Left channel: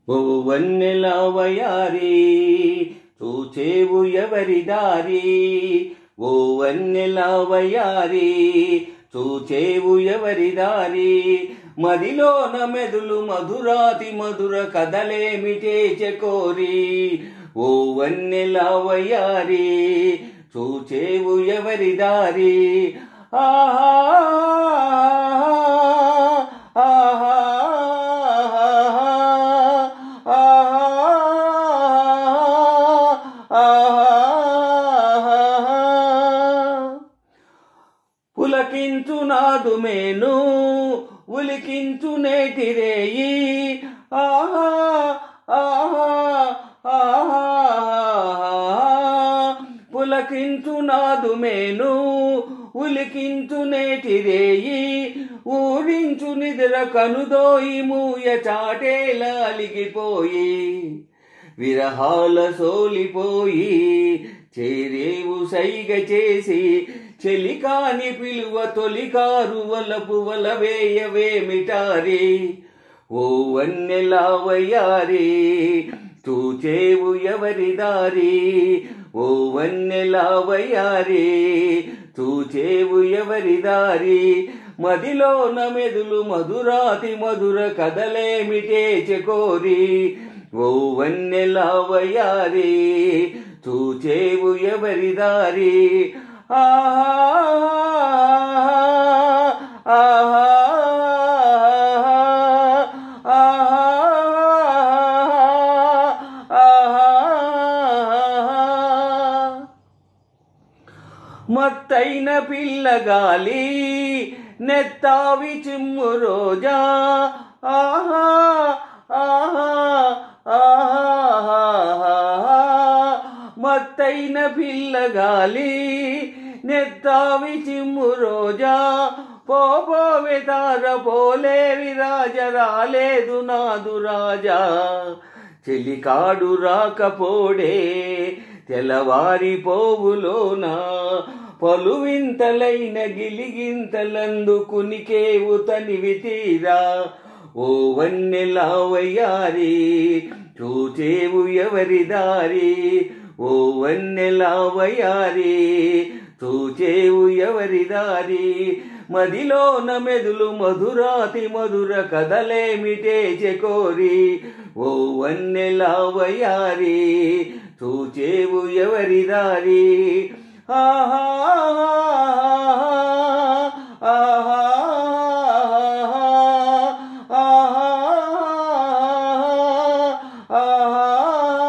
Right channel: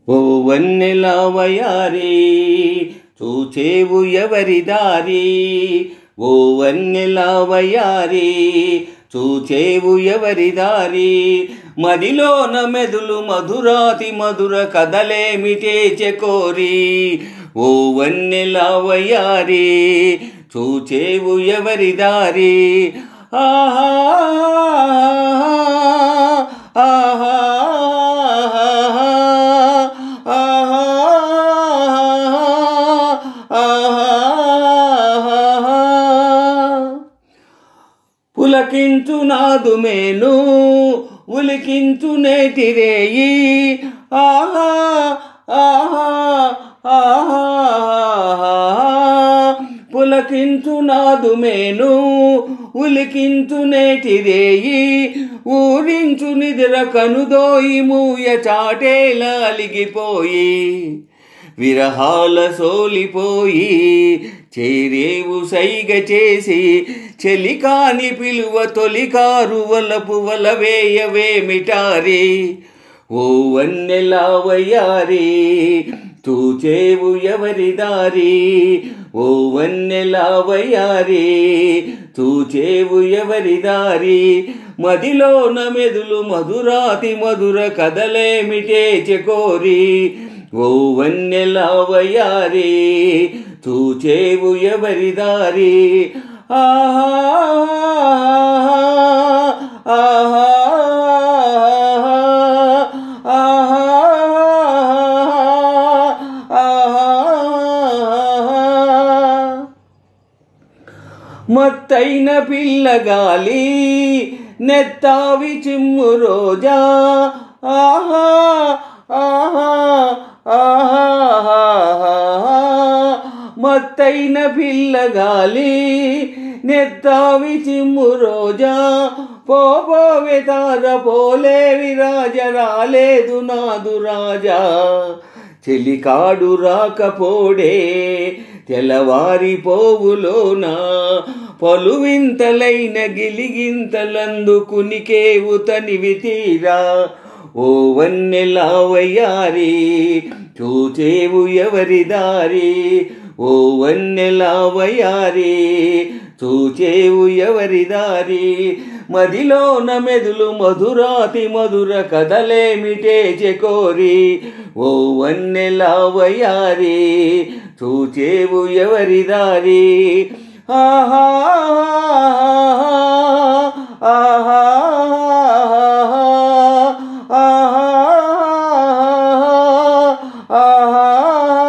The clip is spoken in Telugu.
ఓ వన్నెల వయారి చూచేవు ఎవరి దారి, ఓ వన్నెల వయారి చూచేవు ఎవరి దారి, మదిలోన మెదులు మధురాతి మధుర కథలేమిటే చెకోరి, ఓ వన్నెల వయారి చూచేవు ఎవరి దారి. ఆహా ఆహా పులకించు నాదు మేను ఉలికించు నేటి రేయి, ఆహా ఆహా ఆహా పులకించు నాదు మేను ఉలికించు నేటి రేయి, ఊరించు నిద్ర కనుదోయి మూయ చాటేలా అలిగిపోయి, విరహాల సోలిపోయి చేరేవు సైగ చేసి, చెలికాని పిలువ తొలికారు వలపు వలవేయవేమిటారి, ఓ వన్నెల వయారి చూచేవు ఎవరి దారి, ఓ వన్నెల వయారి చూచేవు ఎవరి దారి, మదిలోన మెదులు మధురాతి మధుర కథలేమిటే చెకోరి, ఓ వన్నెల వయారి చూచేవు ఎవరి దారి. ఆహా ఆహా మత్తైన పిల్లగాలి నెత్తావి చిమ్ము రోజా, ఆహా ఆహా ఆహా మత్తైన పిల్లగాలి నెత్తావి చిమ్ము రోజా, పోపోవే తార పోలేవి రాజ రాలేదు నాదు రాజా, చెలికాడు రాకపోడే తెల్లవారిపోవులోన, పలువింతలైన గిలిగింతలందుకునికేవు తనివి తీరా, ఓ వన్నెల వయారి చూచేవు ఎవరి దారి, ఓ వన్నెల వయారి చూచేవు ఎవరి దారి, మదిలోన మెదులు మధురాతి మధుర కథలేమిటే చెకోరి, ఓ వన్నెల వయారి చూచేవు ఎవరి దారి. ఆహా ఆహా ఆహా ఆహా